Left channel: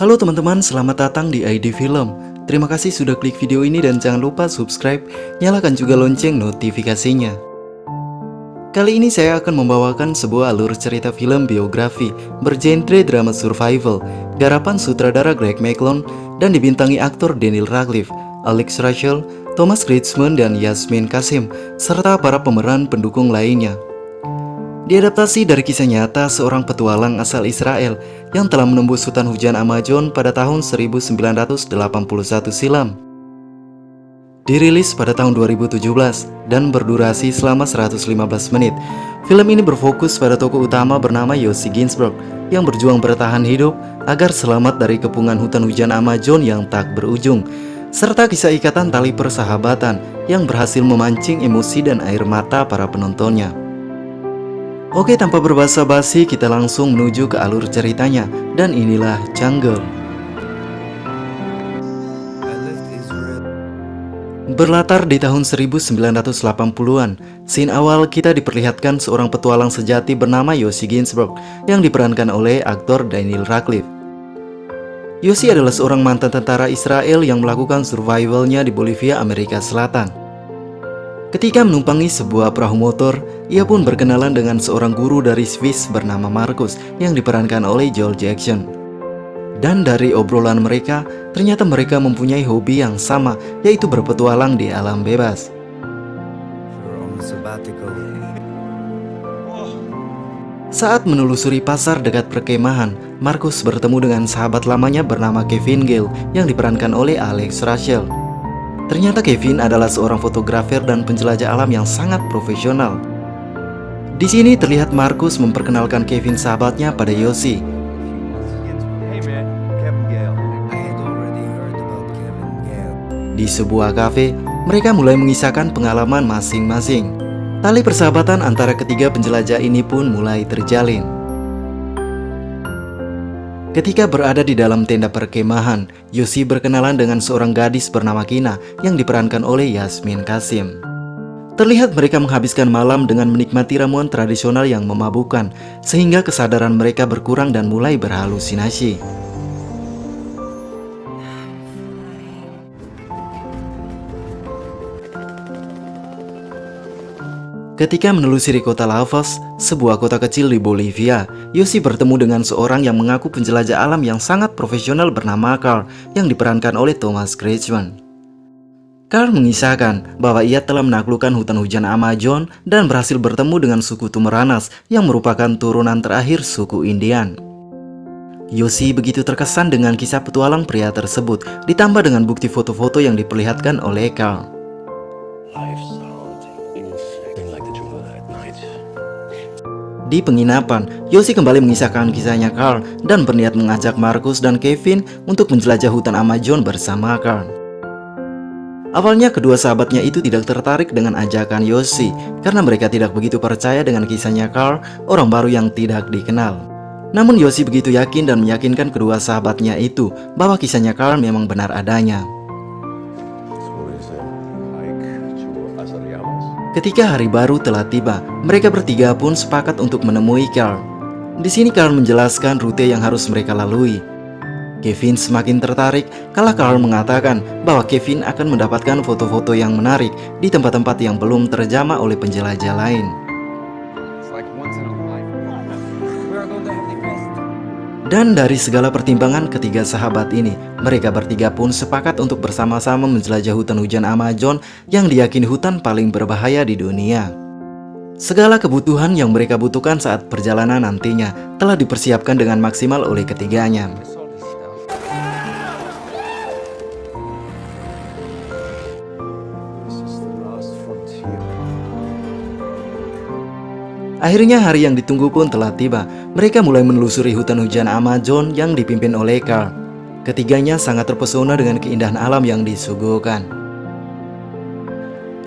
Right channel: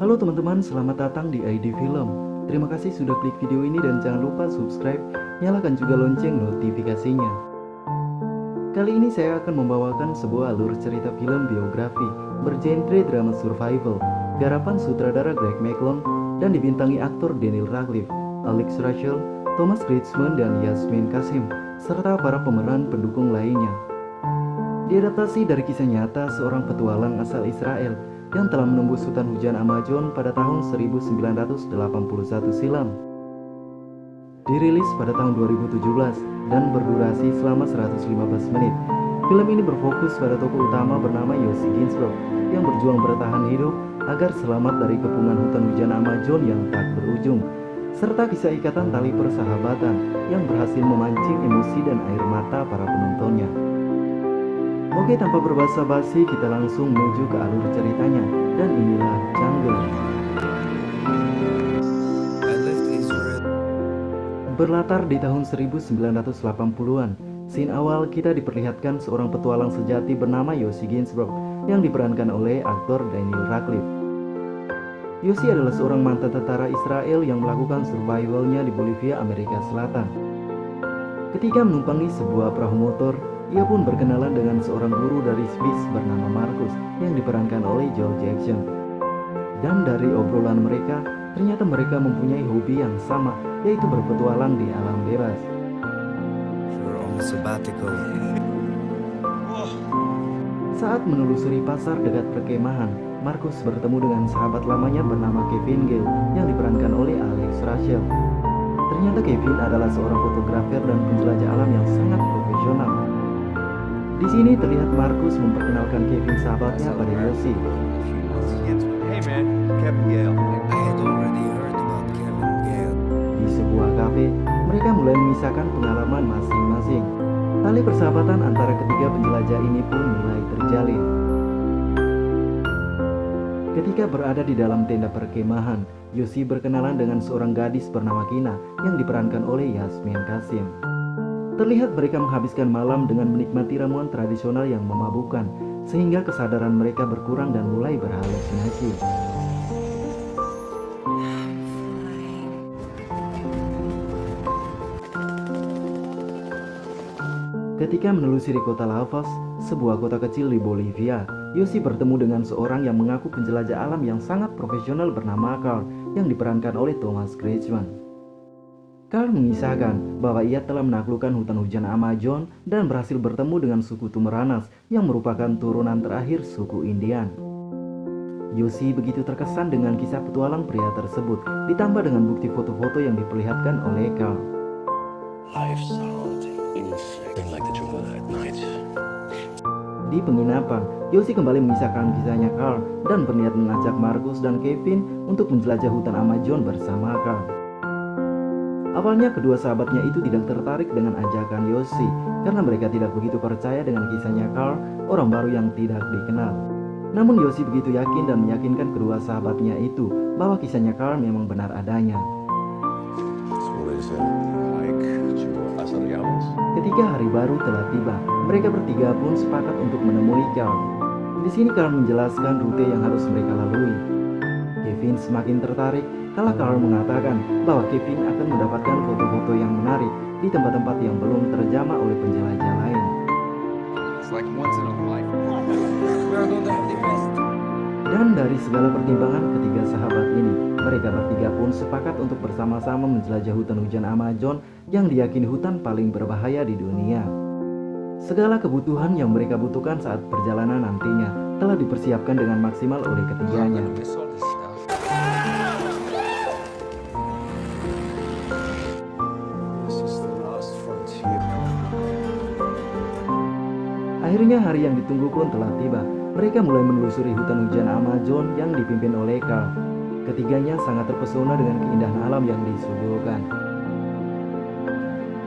Halo teman-teman, selamat datang di ID Film. Terima kasih sudah klik video ini dan jangan lupa subscribe, nyalakan juga lonceng notifikasinya. Kali ini saya akan membawakan sebuah alur cerita film biografi bergenre drama survival, garapan sutradara Greg McKeown dan dibintangi aktor Daniel Radcliffe, Alex Rachel, Thomas Kretschmann, dan Yasmin Kasim, serta para pemeran pendukung lainnya. Diadaptasi dari kisah nyata seorang petualang asal Israel yang telah menembus hutan hujan Amazon pada tahun 1981 silam. Dirilis pada tahun 2017 dan berdurasi selama 115 menit. Film ini berfokus pada tokoh utama bernama Yossi Ginsberg yang berjuang bertahan hidup agar selamat dari kepungan hutan hujan Amazon yang tak berujung, serta kisah ikatan tali persahabatan yang berhasil memancing emosi dan air mata para penontonnya. Oke, tanpa berbasa-basi kita langsung menuju ke alur ceritanya, dan inilah Jungle. Berlatar di tahun 1980-an, scene awal kita diperlihatkan seorang petualang sejati bernama Yossi Ginsberg yang diperankan oleh aktor Daniel Radcliffe. Yossi adalah seorang mantan tentara Israel yang melakukan survivalnya di Bolivia, Amerika Selatan. Ketika menumpangi sebuah perahu motor, ia pun berkenalan dengan seorang guru dari Swiss bernama Markus yang diperankan oleh Joel Jackson. Dan dari obrolan mereka, ternyata mereka mempunyai hobi yang sama, yaitu berpetualang di alam bebas. Saat menelusuri pasar dekat perkemahan, Markus bertemu dengan sahabat lamanya bernama Kevin Gale yang diperankan oleh Alex Rachel. Ternyata Kevin adalah seorang fotografer dan penjelajah alam yang sangat profesional. Di sini terlihat Markus memperkenalkan Kevin sahabatnya pada Yossi. Di sebuah kafe, mereka mulai mengisahkan pengalaman masing-masing. Tali persahabatan antara ketiga penjelajah ini pun mulai terjalin. Ketika berada di dalam tenda perkemahan, Yossi berkenalan dengan seorang gadis bernama Kina yang diperankan oleh Yasmin Kasim. Terlihat mereka menghabiskan malam dengan menikmati ramuan tradisional yang memabukkan, sehingga kesadaran mereka berkurang dan mulai berhalusinasi. Ketika menelusuri kota La Paz, sebuah kota kecil di Bolivia, Yossi bertemu dengan seorang yang mengaku penjelajah alam yang sangat profesional bernama Carl yang diperankan oleh Thomas Kretschmann. Carl mengisahkan bahwa ia telah menaklukkan hutan hujan Amazon dan berhasil bertemu dengan suku Tumaranas yang merupakan turunan terakhir suku Indian. Yossi begitu terkesan dengan kisah petualang pria tersebut, ditambah dengan bukti foto-foto yang diperlihatkan oleh Carl. Di penginapan, Yossi kembali mengisahkan kisahnya Carl dan berniat mengajak Markus dan Kevin untuk menjelajah hutan Amazon bersama Carl. Awalnya kedua sahabatnya itu tidak tertarik dengan ajakan Yossi karena mereka tidak begitu percaya dengan kisahnya Carl, orang baru yang tidak dikenal. Namun Yossi begitu yakin dan meyakinkan kedua sahabatnya itu bahwa kisahnya Carl memang benar adanya. Ketika hari baru telah tiba, mereka bertiga pun sepakat untuk menemui Carl. Di sini Carl menjelaskan rute yang harus mereka lalui. Kevin semakin tertarik kala Carl mengatakan bahwa Kevin akan mendapatkan foto-foto yang menarik di tempat-tempat yang belum terjamah oleh penjelajah lain. Dan dari segala pertimbangan ketiga sahabat ini, mereka bertiga pun sepakat untuk bersama-sama menjelajah hutan hujan Amazon yang diyakini hutan paling berbahaya di dunia. Segala kebutuhan yang mereka butuhkan saat perjalanan nantinya telah dipersiapkan dengan maksimal oleh ketiganya. Akhirnya hari yang ditunggu pun telah tiba. Mereka mulai menelusuri hutan hujan Amazon yang dipimpin oleh Carl. Ketiganya sangat terpesona dengan keindahan alam yang disuguhkan.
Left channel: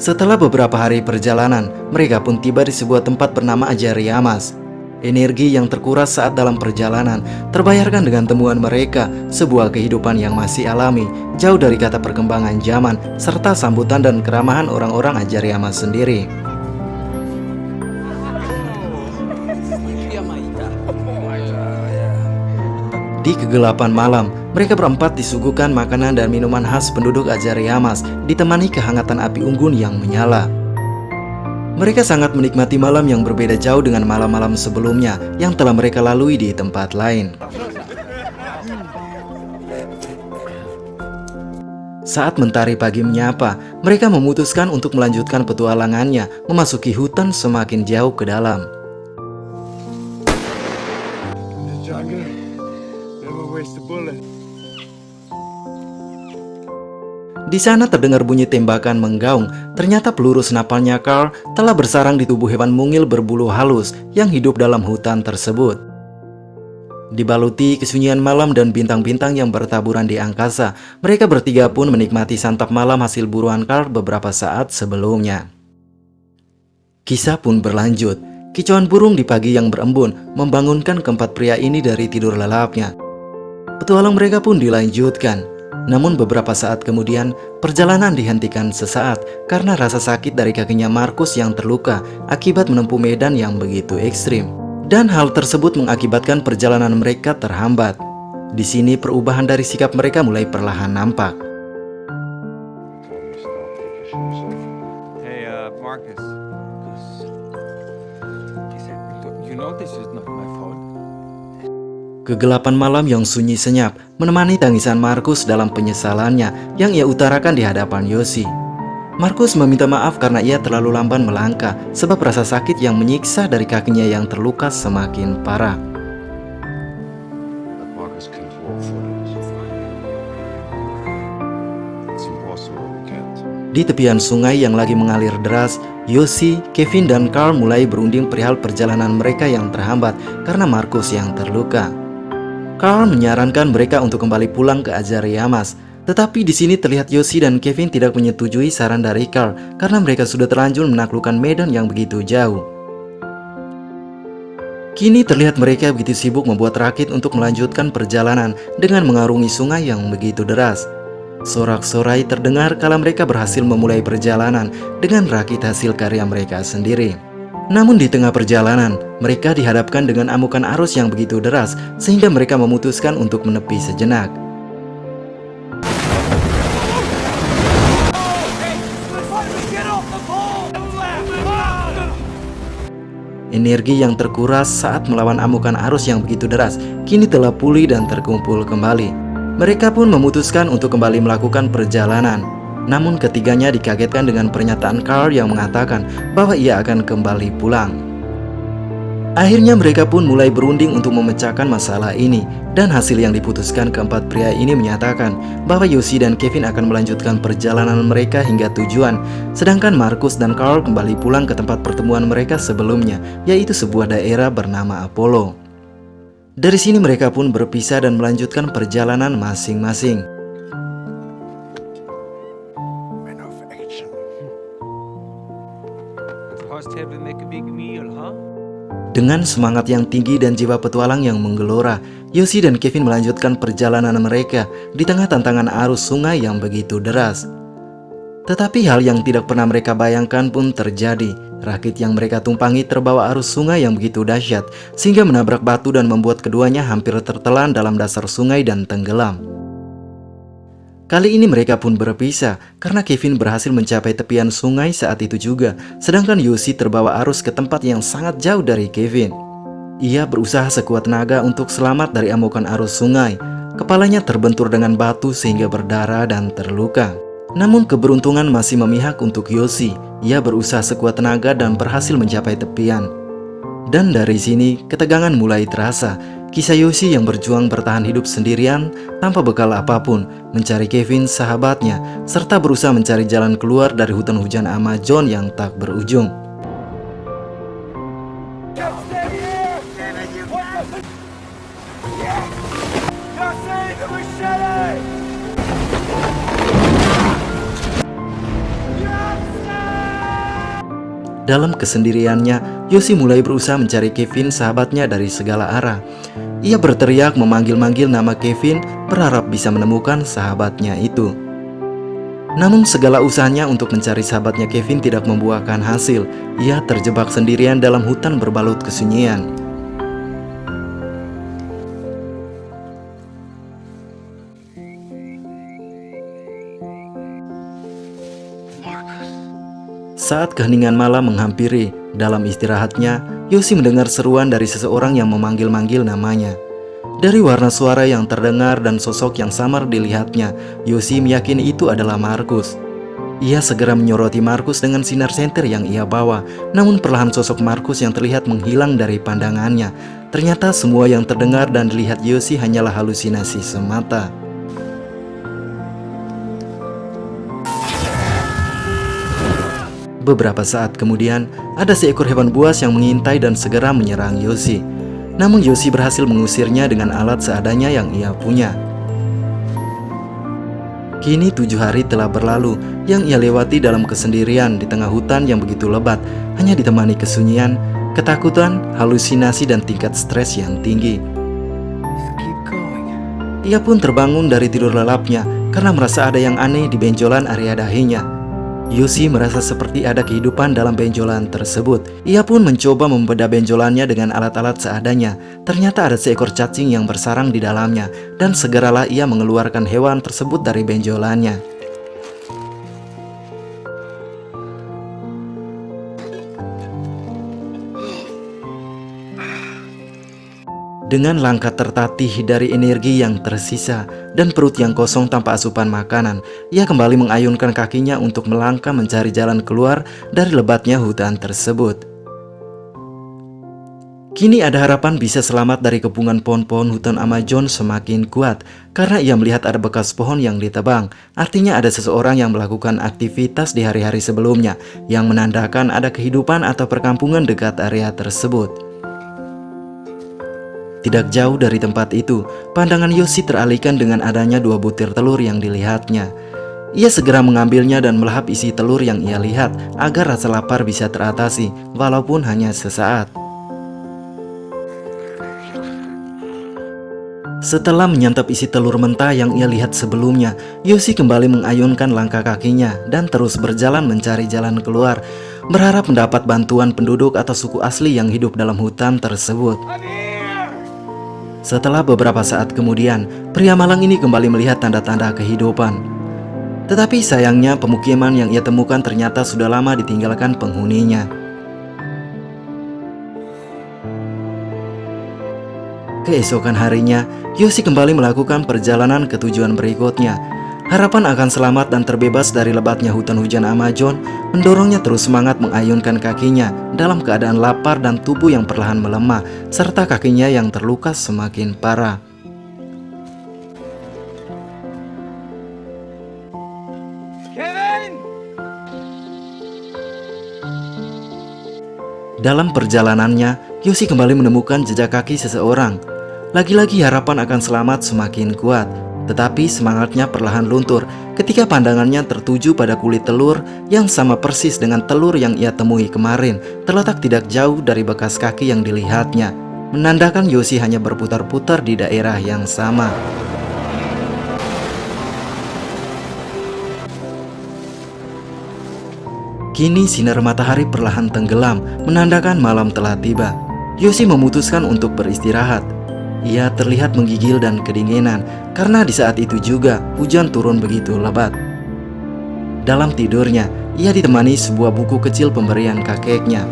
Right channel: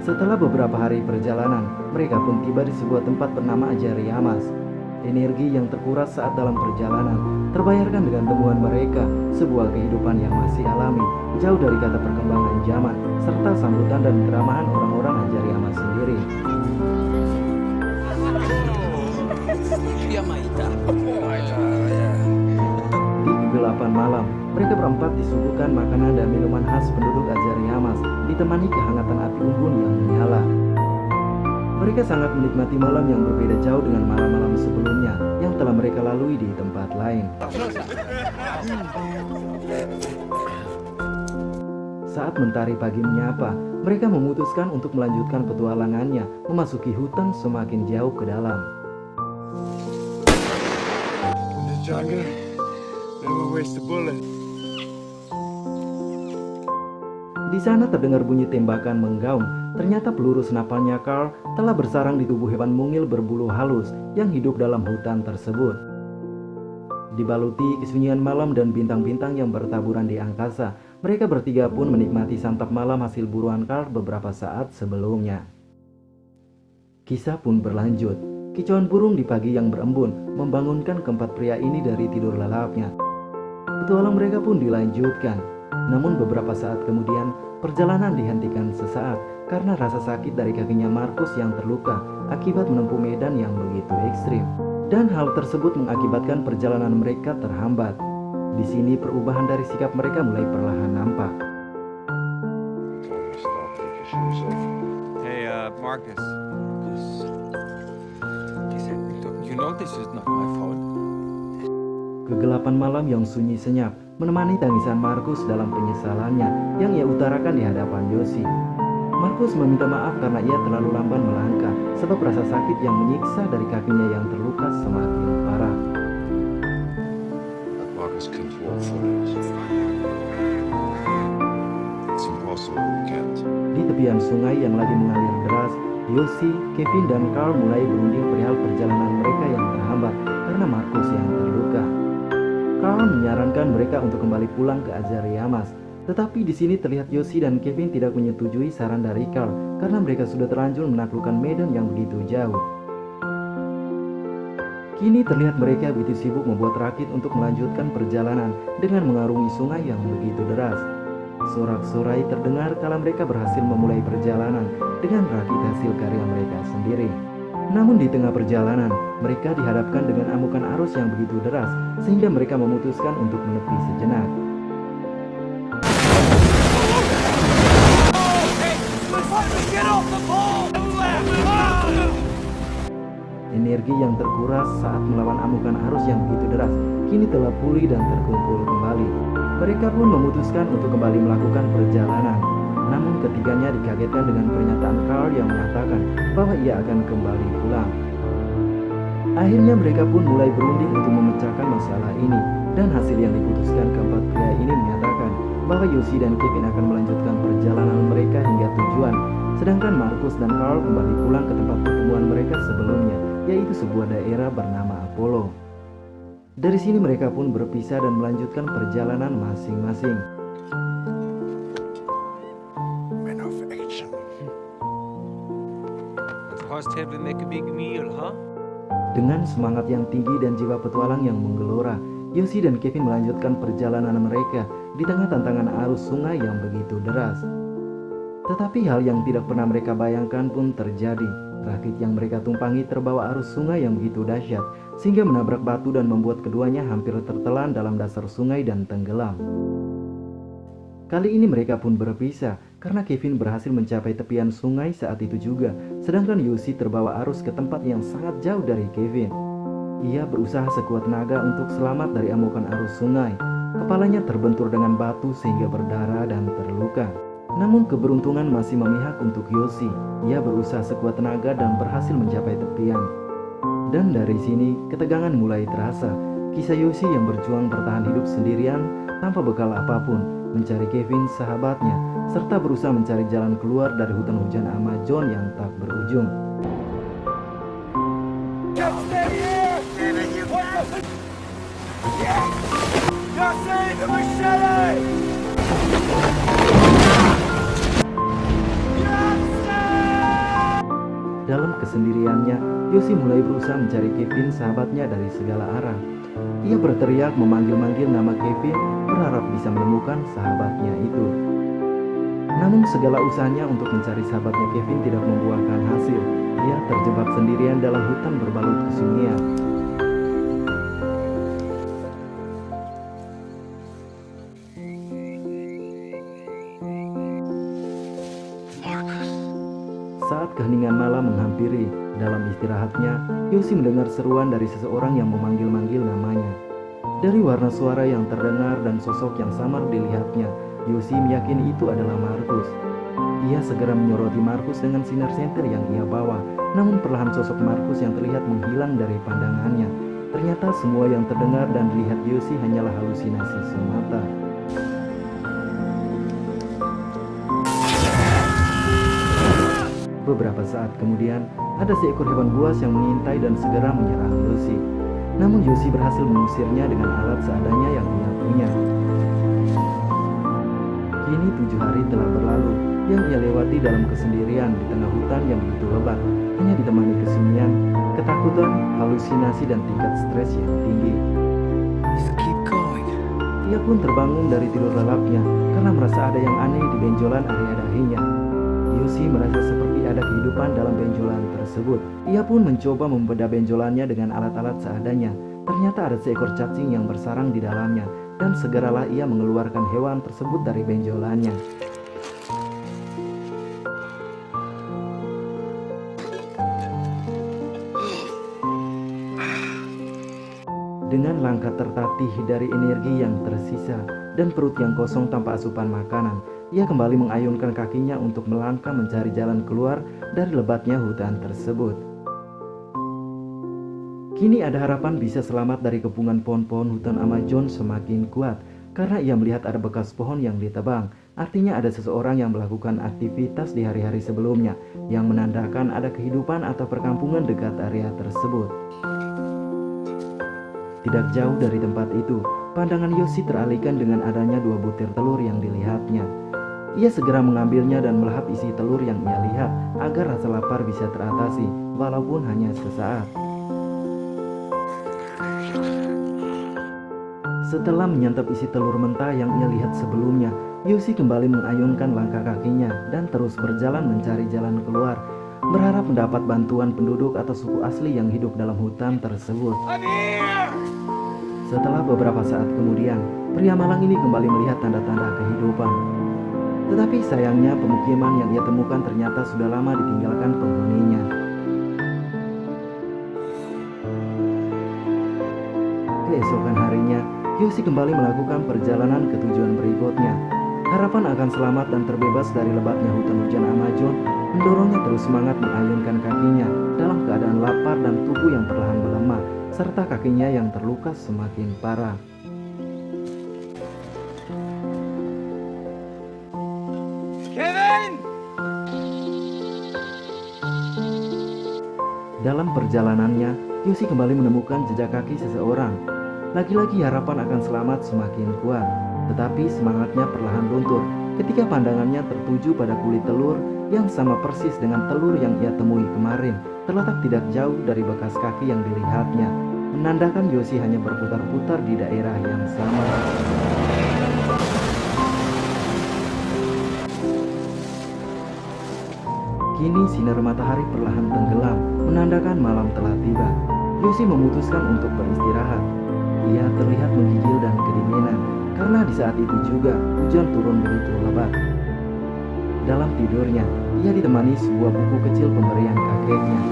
Setelah beberapa hari perjalanan, mereka pun tiba di sebuah tempat bernama Ajariamas. Energi yang terkuras saat dalam perjalanan terbayarkan dengan temuan mereka, sebuah kehidupan yang masih alami, jauh dari kata perkembangan zaman, serta sambutan dan keramahan orang-orang Ajariamas sendiri. Di kegelapan malam, mereka berempat disuguhkan makanan dan minuman khas penduduk Azariamas, ditemani kehangatan api unggun yang menyala. Mereka sangat menikmati malam yang berbeda jauh dengan malam-malam sebelumnya yang telah mereka lalui di tempat lain. Saat mentari pagi menyapa, mereka memutuskan untuk melanjutkan petualangannya, memasuki hutan semakin jauh ke dalam. Di sana terdengar bunyi tembakan menggaung. Ternyata peluru senapalnya Carl telah bersarang di tubuh hewan mungil berbulu halus yang hidup dalam hutan tersebut. Dibaluti kesunyian malam dan bintang-bintang yang bertaburan di angkasa, mereka bertiga pun menikmati santap malam hasil buruan Carl beberapa saat sebelumnya. Kisah pun berlanjut. Kicauan burung di pagi yang berembun membangunkan keempat pria ini dari tidur lelapnya. Petualang mereka pun dilanjutkan. Namun beberapa saat kemudian, perjalanan dihentikan sesaat karena rasa sakit dari kakinya Markus yang terluka akibat menempuh medan yang begitu ekstrim. Dan hal tersebut mengakibatkan perjalanan mereka terhambat. Di sini perubahan dari sikap mereka mulai perlahan nampak. Hey, Marcus. You know this is not my fault. Kegelapan malam yang sunyi senyap menemani tangisan Markus dalam penyesalannya yang ia utarakan di hadapan Yoshi. Markus meminta maaf karena ia terlalu lamban melangkah sebab rasa sakit yang menyiksa dari kakinya yang terluka semakin parah. Marcus can't walk for this. It's impossible, we can't. Di tepian sungai yang lagi mengalir deras, Yoshi, Kevin, dan Carl mulai berunding perihal perjalanan mereka yang terhambat karena Markus yang terluka. Carl menyarankan mereka untuk kembali pulang ke Azariamas, tetapi di sini terlihat Yoshi dan Kevin tidak menyetujui saran dari Carl karena mereka sudah terlanjur menaklukkan medan yang begitu jauh. Kini terlihat mereka begitu sibuk membuat rakit untuk melanjutkan perjalanan dengan mengarungi sungai yang begitu deras. Sorak-sorai terdengar kala mereka berhasil memulai perjalanan dengan rakit hasil karya mereka sendiri. Namun di tengah perjalanan, mereka dihadapkan dengan amukan arus yang begitu deras sehingga mereka memutuskan untuk menepi sejenak. Energi yang terkuras saat melawan amukan arus yang begitu deras kini telah pulih dan terkumpul kembali. Mereka pun memutuskan untuk kembali melakukan perjalanan. Namun ketiganya dikagetkan dengan pernyataan Carl yang mengatakan bahwa ia akan kembali pulang. Akhirnya mereka pun mulai berunding untuk memecahkan masalah ini. Dan hasil yang diputuskan keempat pria ini menyatakan bahwa Yoshi dan Kevin akan melanjutkan perjalanan mereka hingga tujuan. Sedangkan Markus dan Carl kembali pulang ke tempat pertemuan mereka sebelumnya, yaitu sebuah daerah bernama Apollo. Dari sini mereka pun berpisah dan melanjutkan perjalanan masing-masing. Dengan semangat yang tinggi dan jiwa petualang yang menggelora, Yoshi dan Kevin melanjutkan perjalanan mereka di tengah tantangan arus sungai yang begitu deras. Tetapi hal yang tidak pernah mereka bayangkan pun terjadi. Rakit yang mereka tumpangi terbawa arus sungai yang begitu dahsyat sehingga menabrak batu dan membuat keduanya hampir tertelan dalam dasar sungai dan tenggelam. Kali ini mereka pun berpisah karena Kevin berhasil mencapai tepian sungai saat itu juga, sedangkan Yoshi terbawa arus ke tempat yang sangat jauh dari Kevin. Ia berusaha sekuat tenaga untuk selamat dari amukan arus sungai. Kepalanya terbentur dengan batu sehingga berdarah dan terluka. Namun keberuntungan masih memihak untuk Yoshi. Ia berusaha sekuat tenaga dan berhasil mencapai tepian. Dan dari sini ketegangan mulai terasa. Kisah Yoshi yang berjuang bertahan hidup sendirian tanpa bekal apapun, mencari Kevin sahabatnya, serta berusaha mencari jalan keluar dari hutan hujan Amazon yang tak berujung. Dalam kesendiriannya, Yoshi mulai berusaha mencari Kevin sahabatnya dari segala arah. Ia berteriak memanggil-manggil nama Kevin, berharap bisa menemukan sahabatnya itu. Namun segala usahanya untuk mencari sahabatnya Kevin tidak membuahkan hasil. Ia terjebak sendirian dalam hutan berbalut kesunyian. Saat keheningan malam menghampiri, dalam istirahatnya, Yoshi mendengar seruan dari seseorang yang memanggil-manggil namanya. Dari warna suara yang terdengar dan sosok yang samar dilihatnya, Yoshi meyakini itu adalah Markus. Ia segera menyoroti Markus dengan sinar senter yang ia bawa, namun perlahan sosok Markus yang terlihat menghilang dari pandangannya. Ternyata semua yang terdengar dan dilihat Yoshi hanyalah halusinasi semata. Beberapa saat kemudian, ada seekor hewan buas yang mengintai dan segera menyerang Yoshi. Namun Yoshi berhasil mengusirnya dengan alat seadanya yang ia punya. Kini 7 hari telah berlalu yang ia lewati dalam kesendirian di tengah hutan yang begitu lebat, hanya ditemani kesunyian, ketakutan, halusinasi, dan tingkat stres yang tinggi. Keep going. Ia pun terbangun dari tidur lelapnya karena merasa ada yang aneh di benjolan area dahinya. Yoshi merasa seperti ada kehidupan dalam benjolan tersebut. Ia pun mencoba membedah benjolannya dengan alat-alat seadanya. Ternyata ada seekor cacing yang bersarang di dalamnya, dan segeralah ia mengeluarkan hewan tersebut dari benjolannya. Dengan langkah tertatih dari energi yang tersisa dan perut yang kosong tanpa asupan makanan, ia kembali mengayunkan kakinya untuk melangkah mencari jalan keluar dari lebatnya hutan tersebut. Kini ada harapan bisa selamat dari kepungan pohon-pohon hutan Amazon semakin kuat karena ia melihat ada bekas pohon yang ditebang. Artinya ada seseorang yang melakukan aktivitas di hari-hari sebelumnya yang menandakan ada kehidupan atau perkampungan dekat area tersebut. Tidak jauh dari tempat itu, pandangan Yoshi teralihkan dengan adanya 2 butir telur yang dilihatnya. Ia segera mengambilnya dan melahap isi telur yang ia lihat agar rasa lapar bisa teratasi, walaupun hanya sesaat. Setelah menyantap isi telur mentah yang ia lihat sebelumnya, Yoshi kembali mengayunkan langkah kakinya dan terus berjalan mencari jalan keluar, berharap mendapat bantuan penduduk atau suku asli yang hidup dalam hutan tersebut. Setelah beberapa saat kemudian, pria malang ini kembali melihat tanda-tanda kehidupan. Tetapi sayangnya pemukiman yang ia temukan ternyata sudah lama ditinggalkan penghuninya. Keesokan harinya, Yoshi kembali melakukan perjalanan ke tujuan berikutnya. Harapan akan selamat dan terbebas dari lebatnya hutan hujan Amazon mendorongnya terus semangat mengayunkan kakinya dalam keadaan lapar dan tubuh yang perlahan melemah, serta kakinya yang terluka semakin parah. Kevin! Dalam perjalanannya, Yoshi kembali menemukan jejak kaki seseorang. Lagi-lagi harapan akan selamat semakin kuat. Tetapi semangatnya perlahan luntur ketika pandangannya tertuju pada kulit telur yang sama persis dengan telur yang ia temui kemarin, terletak tidak jauh dari bekas kaki yang dilihatnya, menandakan Yoshi hanya berputar-putar di daerah yang sama. Kini sinar matahari perlahan tenggelam, menandakan malam telah tiba. Yoshi memutuskan untuk beristirahat. Ia terlihat menggigil dan kedinginan karena di saat itu juga hujan turun begitu lebat. Dalam tidurnya, ia ditemani sebuah buku kecil pemberian kakeknya.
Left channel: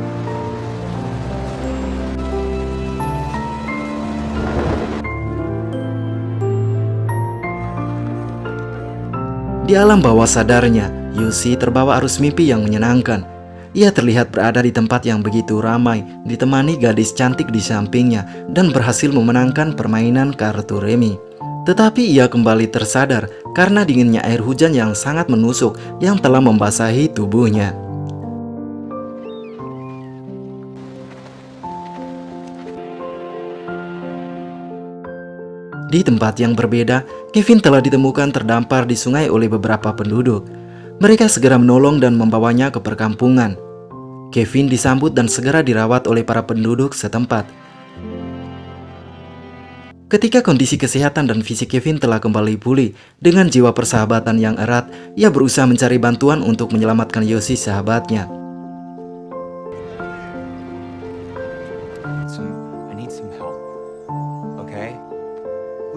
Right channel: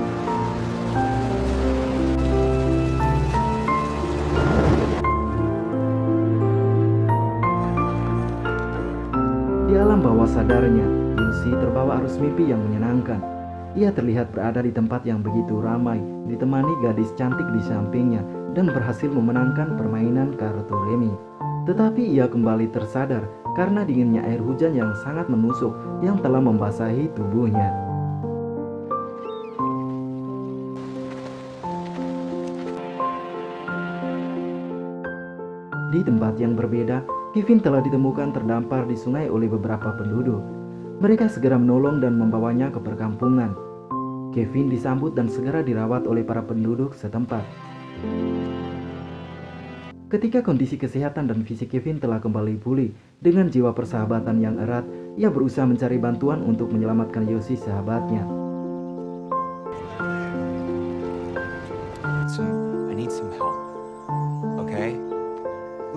Di alam bawah sadarnya, Yoshi terbawa arus mimpi yang menyenangkan. Ia terlihat berada di tempat yang begitu ramai, ditemani gadis cantik di sampingnya, dan berhasil memenangkan permainan kartu remi. Tetapi ia kembali tersadar karena dinginnya air hujan yang sangat menusuk yang telah membasahi tubuhnya. Di tempat yang berbeda, Kevin telah ditemukan terdampar di sungai oleh beberapa penduduk. Mereka segera menolong dan membawanya ke perkampungan. Kevin disambut dan segera dirawat oleh para penduduk setempat. Ketika kondisi kesehatan dan fisik Kevin telah kembali pulih, dengan jiwa persahabatan yang erat, ia berusaha mencari bantuan untuk menyelamatkan Yoshi sahabatnya. I need some help. Okay?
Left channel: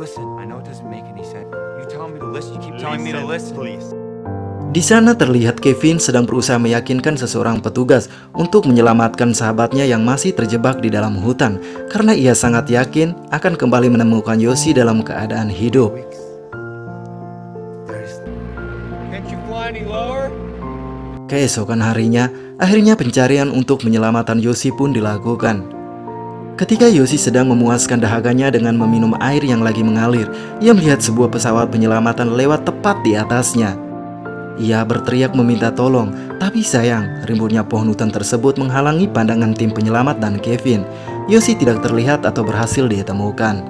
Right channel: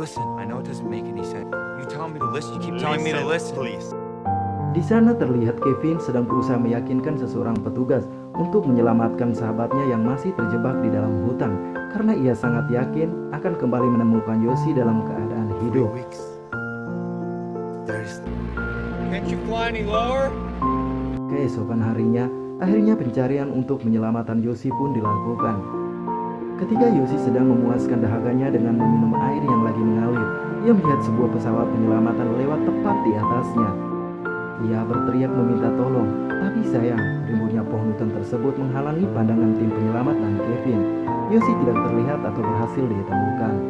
Listen, I know it doesn't make any sense. You tell me to listen. You keep telling me to listen. Please. Di sana terlihat Kevin sedang berusaha meyakinkan seseorang petugas untuk menyelamatkan sahabatnya yang masih terjebak di dalam hutan karena ia sangat yakin akan kembali menemukan Yoshi dalam keadaan hidup. Can't you fly any lower? Keesokan harinya, akhirnya pencarian untuk penyelamatan Yoshi pun dilakukan. Ketika Yoshi sedang memuaskan dahaganya dengan meminum air yang lagi mengalir, ia melihat sebuah pesawat penyelamatan lewat tepat di atasnya. Ia berteriak meminta tolong, tapi sayang, rimbunnya pohon hutan tersebut menghalangi pandangan tim penyelamat dan Kevin. Yoshi tidak terlihat atau berhasil ditemukan.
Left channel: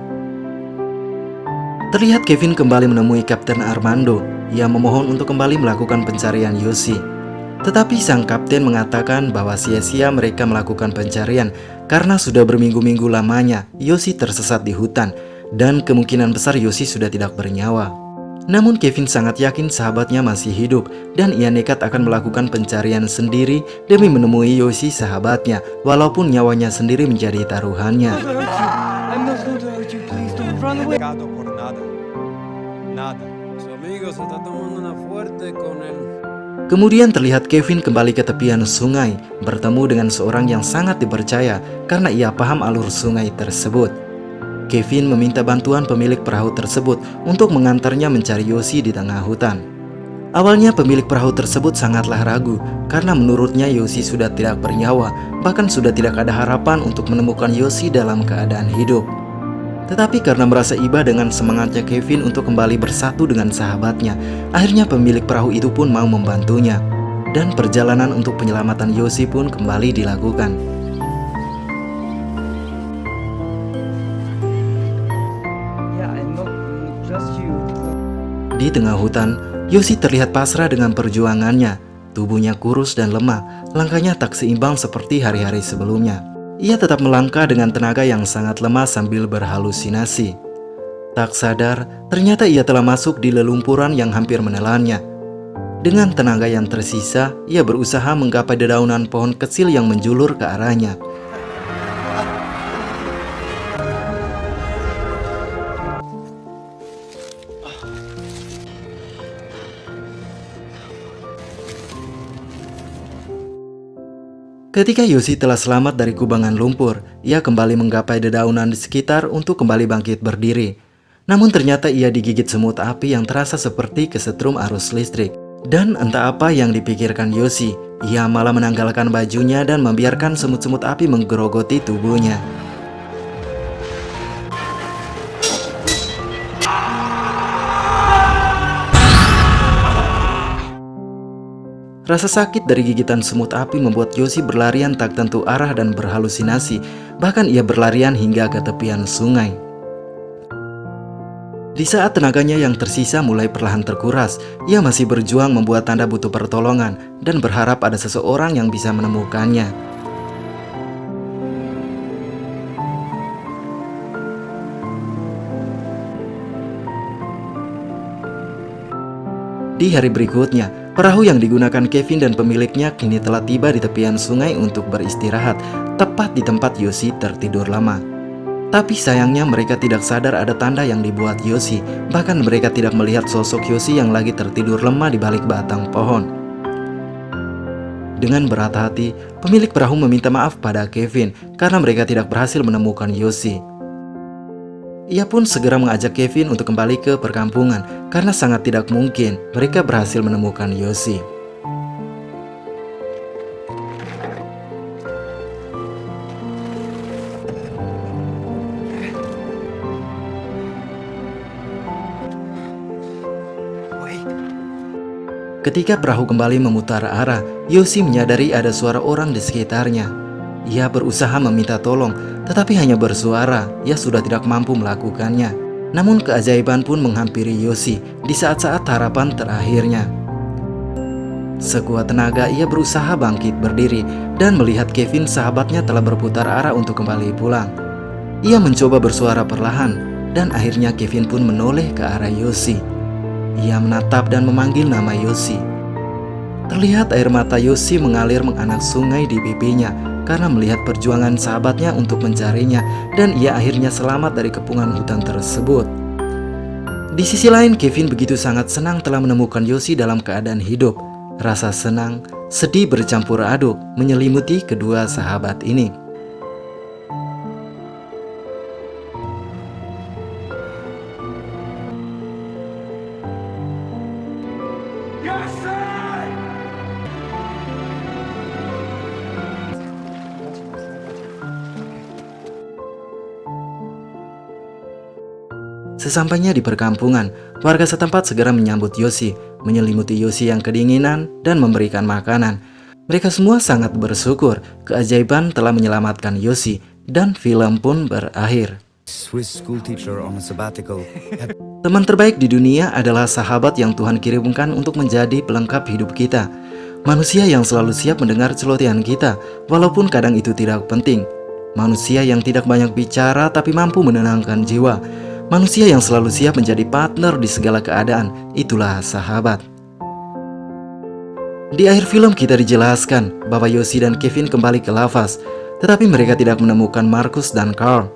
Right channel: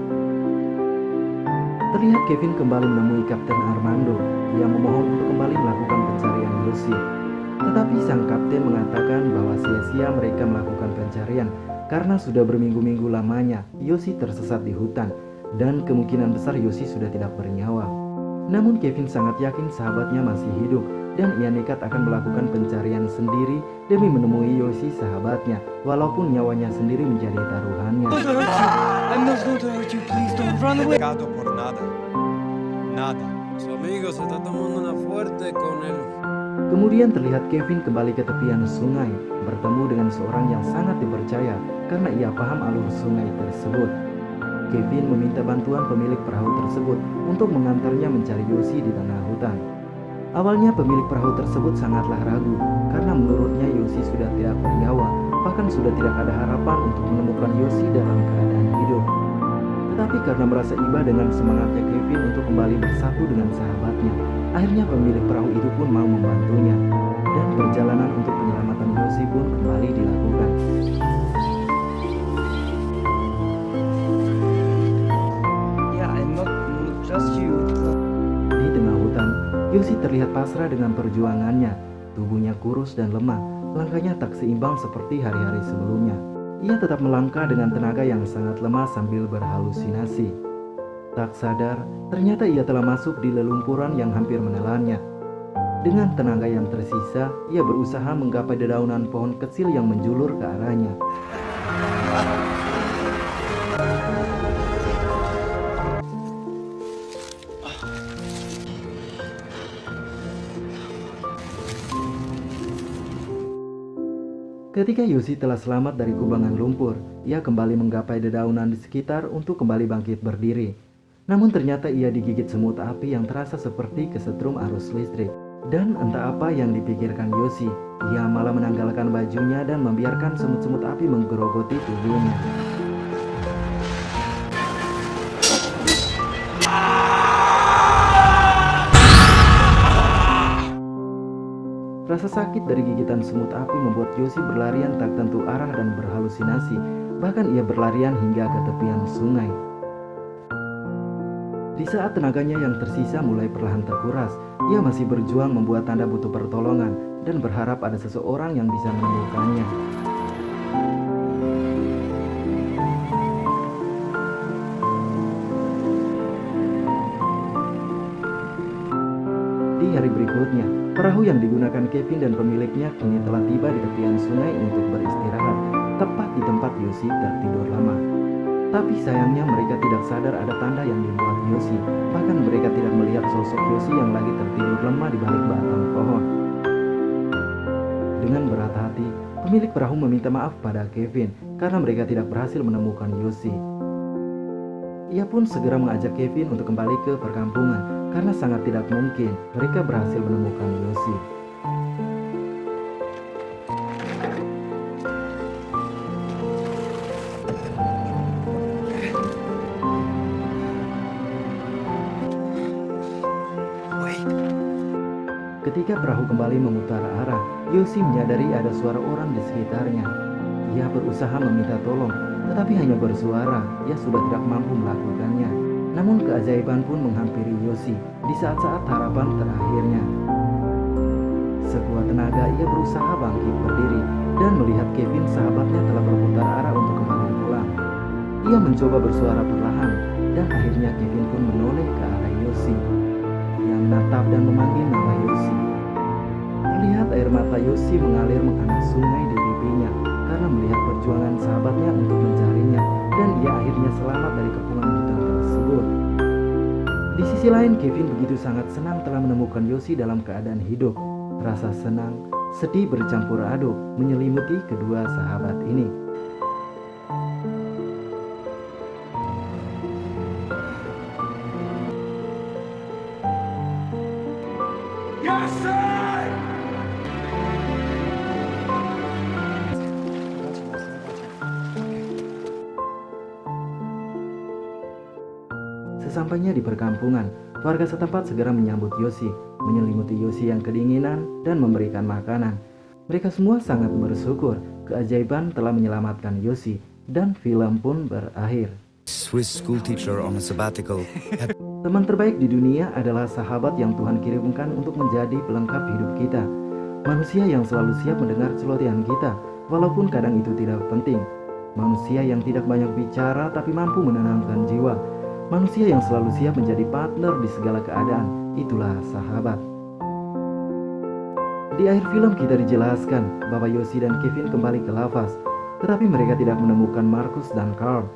Terlihat Kevin kembali menemui Kapten Armando. Ia memohon untuk kembali melakukan pencarian Yoshi. Tetapi sang kapten mengatakan bahwa sia-sia mereka melakukan pencarian karena sudah berminggu-minggu lamanya Yoshi tersesat di hutan dan kemungkinan besar Yoshi sudah tidak bernyawa. Namun Kevin sangat yakin sahabatnya masih hidup dan ia nekat akan melakukan pencarian sendiri demi menemui Yoshi sahabatnya walaupun nyawanya sendiri menjadi taruhannya. I'm not going to hurt you. Please don't run away. Gato por nada. Nada. Su amigo se está tomando una fuerte con él. Kemudian terlihat Kevin kembali ke tepian sungai bertemu dengan seorang yang sangat dipercaya karena ia paham alur sungai tersebut. Kevin meminta bantuan pemilik perahu tersebut untuk mengantarnya mencari Yoshi di tengah hutan. Awalnya pemilik perahu tersebut sangatlah ragu karena menurutnya Yoshi sudah tidak bernyawa, bahkan sudah tidak ada harapan untuk menemukan Yoshi dalam keadaan hidup. Tetapi karena merasa iba dengan semangatnya Kevin untuk kembali bersatu dengan sahabatnya, akhirnya pemilik perahu itu pun mau membantunya. Dan perjalanan untuk penyelamatan Yoshi pun kembali dilakukan. Not just you. Di tengah hutan, Yoshi terlihat pasrah dengan perjuangannya. Tubuhnya kurus dan lemah, langkahnya tak seimbang seperti hari-hari sebelumnya. Ia tetap melangkah dengan tenaga yang sangat lemah sambil berhalusinasi. Tak sadar, ternyata ia telah masuk di lelumpuran yang hampir menelannya. Dengan tenaga yang tersisa, ia berusaha menggapai dedaunan pohon kecil yang menjulur ke arahnya. Ketika Yoshi telah selamat dari kubangan lumpur, ia kembali menggapai dedaunan di sekitar untuk kembali bangkit berdiri. Namun ternyata ia digigit semut api yang terasa seperti kesetrum arus listrik. Dan entah apa yang dipikirkan Yoshi, ia malah menanggalkan bajunya dan membiarkan semut-semut api menggerogoti tubuhnya. Rasa sakit dari gigitan semut api membuat Yoshi berlarian tak tentu arah dan berhalusinasi. Bahkan ia berlarian hingga ke tepian sungai. Di saat tenaganya yang tersisa mulai perlahan terkuras, ia masih berjuang membuat tanda butuh pertolongan dan berharap ada seseorang yang bisa menemukannya. Di hari berikutnya, perahu yang digunakan Kevin dan pemiliknya kini telah tiba di tepian sungai untuk beristirahat, tepat di tempat Yoshi tertidur lama. Tapi sayangnya mereka tidak sadar ada tanda yang dibuat Yoshi, bahkan mereka tidak melihat sosok Yoshi yang lagi tertidur lemah di balik batang pohon. Dengan berat hati, pemilik perahu meminta maaf pada Kevin karena mereka tidak berhasil menemukan Yoshi. Ia pun segera mengajak Kevin untuk kembali ke perkampungan karena sangat tidak mungkin mereka berhasil menemukan Yoshi. Ketika perahu kembali memutar arah, Yoshi menyadari ada suara orang di sekitarnya. Ia berusaha meminta tolong, tetapi hanya bersuara, ia sudah tidak mampu melakukannya. Namun keajaiban pun menghampiri Yoshi di saat-saat harapan terakhirnya. Sekuat tenaga ia berusaha bangkit berdiri dan melihat Kevin sahabatnya telah berputar arah untuk kembali pulang. Ia mencoba bersuara perlahan dan akhirnya Kevin pun menoleh ke arah Yoshi. Ia menatap dan memanggil nama Yoshi. Terlihat air mata Yoshi mengalir menganak sungai di pipinya karena melihat perjuangan sahabatnya untuk mencarinya dan ia akhirnya selamat dari kepungan hutan tersebut. Di sisi lain, Kevin begitu sangat senang telah menemukan Yoshi dalam keadaan hidup. Rasa senang, sedih bercampur aduk menyelimuti kedua sahabat ini. Sesampainya di perkampungan, warga setempat segera menyambut Yoshi, menyelimuti Yoshi yang kedinginan dan memberikan makanan. Mereka semua sangat bersyukur keajaiban telah menyelamatkan Yoshi dan film pun berakhir. Swiss school teacher on a sabbatical. Teman terbaik di dunia adalah sahabat yang Tuhan kirimkan untuk menjadi pelengkap hidup kita. Manusia yang selalu siap mendengar celotehan kita, walaupun kadang itu tidak penting. Manusia yang tidak banyak bicara tapi mampu menenangkan jiwa. Manusia yang selalu siap menjadi partner di segala keadaan, itulah sahabat. Di akhir film kita dijelaskan bahwa Yoshi dan Kevin kembali ke Lavas, tetapi mereka tidak menemukan Marcus dan Carl.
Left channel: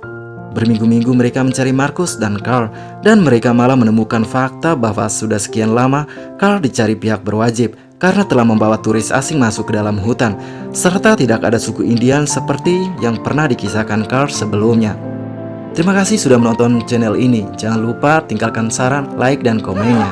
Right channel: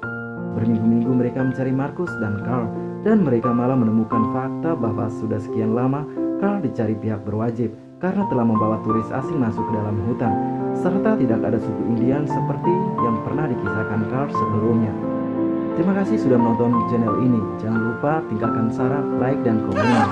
Berminggu-minggu mereka mencari Marcus dan Carl, dan mereka malah menemukan fakta bahwa sudah sekian lama Carl dicari pihak berwajib karena telah membawa turis asing masuk ke dalam hutan, serta tidak ada suku Indian seperti yang pernah dikisahkan Carl sebelumnya. Terima kasih sudah menonton channel ini. Jangan lupa tinggalkan saran, like, dan komen.